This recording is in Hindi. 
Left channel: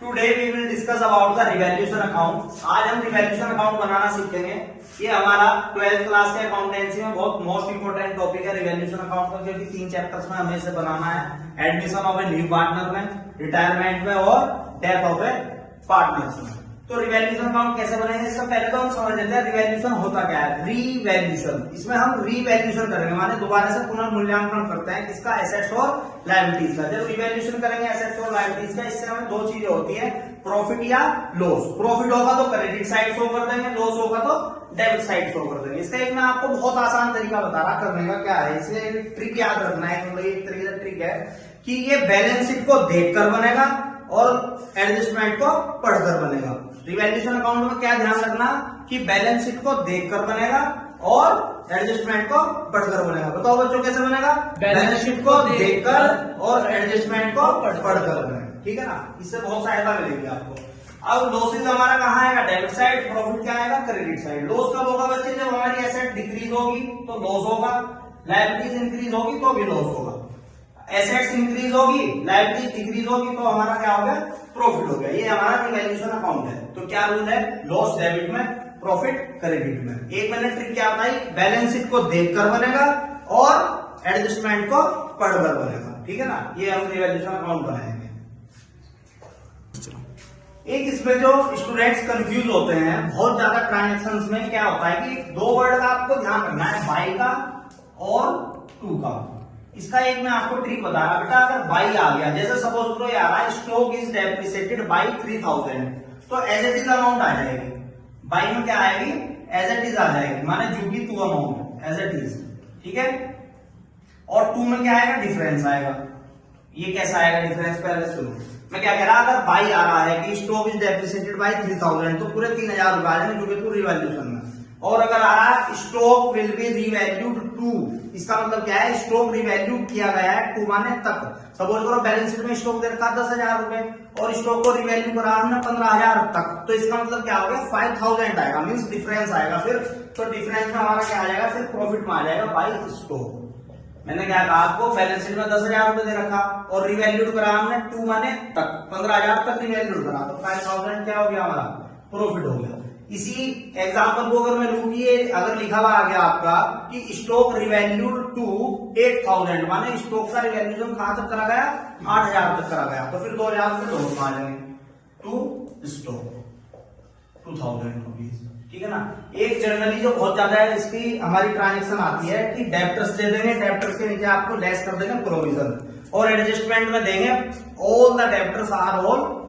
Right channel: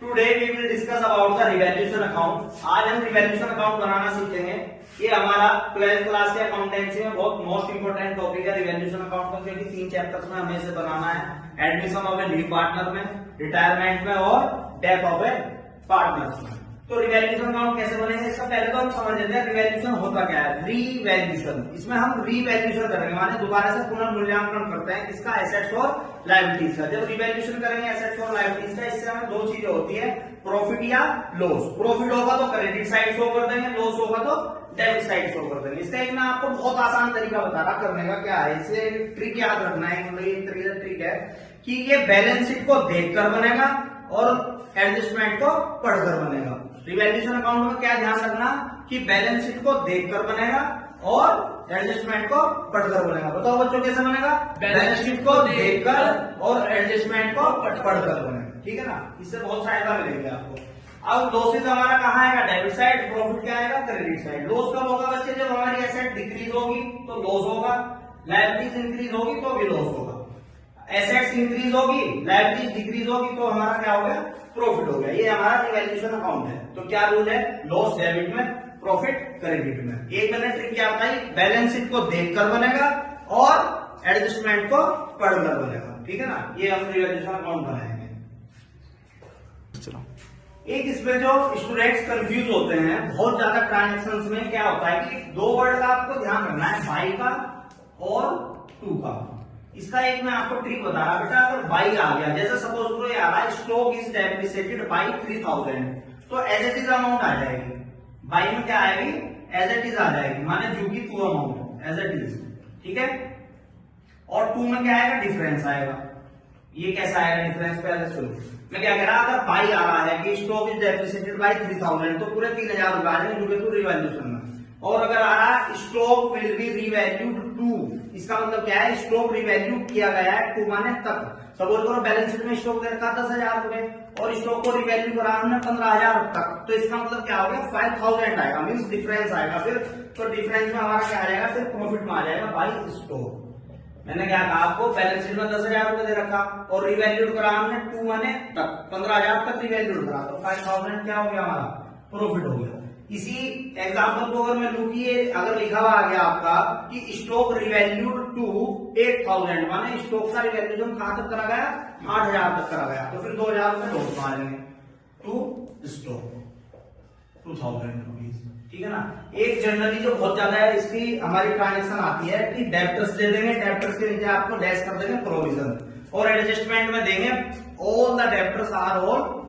Today we will discuss about the revaluation account. आज हम रिवैल्यूएशन अकाउंट बनाना सीखेंगे। ये हमारा 12th क्लास के अकाउंटेंसी में बहुत मोस्ट इंपोर्टेंट टॉपिक है रिवैल्यूएशन अकाउंट का, क्योंकि 3 चैप्टर्स में हमें इसे बनाना है। Admission of A leave partner में, रिटायरमेंट में और डेथ ऑफ ए पार्टनर में। तो रिवैल्यूएशन अकाउंट कैसे बनेगा, इसका पहले तो हम समझ लेते हैं रिवैल्यूएशन होता क्या है। रिवैल्यूएशन, इसमें हम रिवैल्यूएशन करेंगे, माने दोबारा से पुनर्मूल्यांकन करते हैं किसका, एसेट्स और लायबिलिटीज का। जब रिवैल्यूएशन करेंगे एसेट्स और लायबिलिटीज का, इससे हमें दो चीजें होती है, प्रॉफिट या लॉस। प्रॉफिट होगा तो क्रेडिट साइड शो कर देंगे, लॉस होगा तो डेबिट साइड शो कर देंगे। इसका एक मैं आपको बहुत आसान तरीका बता रहा करने का, क्या है इसे ट्रिक याद रखना है। मतलब एक तरीके से ट्रिक है कि ये बैलेंस शीट को देखकर बनेगा और एडजस्टमेंट को पढ़कर बनेगा। रिवैल्यूएशन अकाउंट में क्या ध्यान रखना कि बैलेंस शीट को देखकर बनेगा और एडजस्टमेंट को पढ़कर बनेगा। बताओ बच्चों कैसे बनेगा, बैलेंस शीट को देखकर और एडजस्टमेंट को पढ़कर बनेगा, ठीक है ना। इससे बहुत सहायता मिलेगी आपको। अब लॉसेज हमारा कहाँ आएगा, डेबिट साइड। प्रॉफिट क्या आएगा, क्रेडिट साइड। लॉस कब होगा बच्चे, जब हमारी एसेट डिक्रीज होगी तो लॉस होगा, लायबिलिटीज इंक्रीज होगी तो भी लॉस होगा। एसेट्स इंक्रीज होगी, लायबिलिटीज डिक्रीज होगी तो हमारा क्या हो गया, प्रॉफिट हो गया। ये हमारा रिवैल्यूएशन अकाउंट है। तो क्या रूल है, लॉस डेबिट में, प्रॉफिट क्रेडिट में। एक मैंने ट्रिक क्या बताई, बैलेंस शीट को देखकर बनेगा और एडजस्टमेंट को पढ़कर बनेगा, ठीक है ना। ये हम रिवैल्यूएशन अकाउंट बनाएंगे। चलो, एक इसमें जो स्टूडेंट्स कंफ्यूज होते हैं बहुत ज्यादा ट्रांजेक्शंस में, क्या होता है कि दो वर्ड का आपको ध्यान रखना है, बाई का और टू का। इसका एक मैं आपको ट्रिक बता रहा बेटा, अगर बाई आ गया, जैसे सपोज तो यार स्टॉक इज डेप्रिसिएटेड बाई 3000, तो एज इट इज अमाउंट आ जाएगी। बाई में क्या आएगी, एज इट इज आ जाएगी, माने जो भी to amount as it is, ठीक है। और टू में क्या आएगा, डिफरेंस आएगा। ये कैसा आएगा डिफरेंस, पहले सुनो मैं क्या कह रहा, अगर बाई आ रहा है कि स्टॉक इज डेप्रिसिएटेड बाई 3000, तो पूरे 3000 रुपए आ जाएंगे टू रिवैल्यूएशन में। और अगर आ रहा है stock will be revalued to, इसका मतलब क्या है, स्टॉक रिवैल्यू किया गया है टू माने तक। सपोज करो बैलेंस शीट में स्टॉक दे रखा 10,000 रुपए और स्टॉक को रिवैल्यू करा हमने 15,000 तक, तो इसका मतलब क्या हो गया, 5,000 आएगा, मीन्स डिफरेंस आएगा। फिर तो डिफरेंस में हमारा क्या आ जाएगा, फिर प्रॉफिट में आ जाएगा बाई स्टॉक। मैंने क्या कहा आपको, बैलेंस शीट में 10,000 रुपए दे रखा और रिवैल्यूड करा हमने टू माने तक, 15,000 तक रिवैल्यूड करा, तो 5,000 क्या हो गया, हमारा प्रॉफिट हो गया। इसी एग्जाम्पल को अगर मैं लूँ कि ये अगर लिखा हुआ आ गया आपका कि स्टॉक रिवैल्यूड टू 8,000, माने स्टॉक का रिवैल्यूएशन कहां तक करा गया, 8,000 तक करा गया, तो फिर 2,000 में दो आ जाएंगे टू स्टॉक 2,000 रुपीज, ठीक है ना। एक जनरली जो बहुत ज्यादा है इसकी हमारी ट्रांजेक्शन आती है कि डेब्टर्स दे देंगे, डेब्टर्स के नीचे आपको डैश कर देंगे प्रोविजन, और एडजस्टमेंट में देंगे all the debtors are all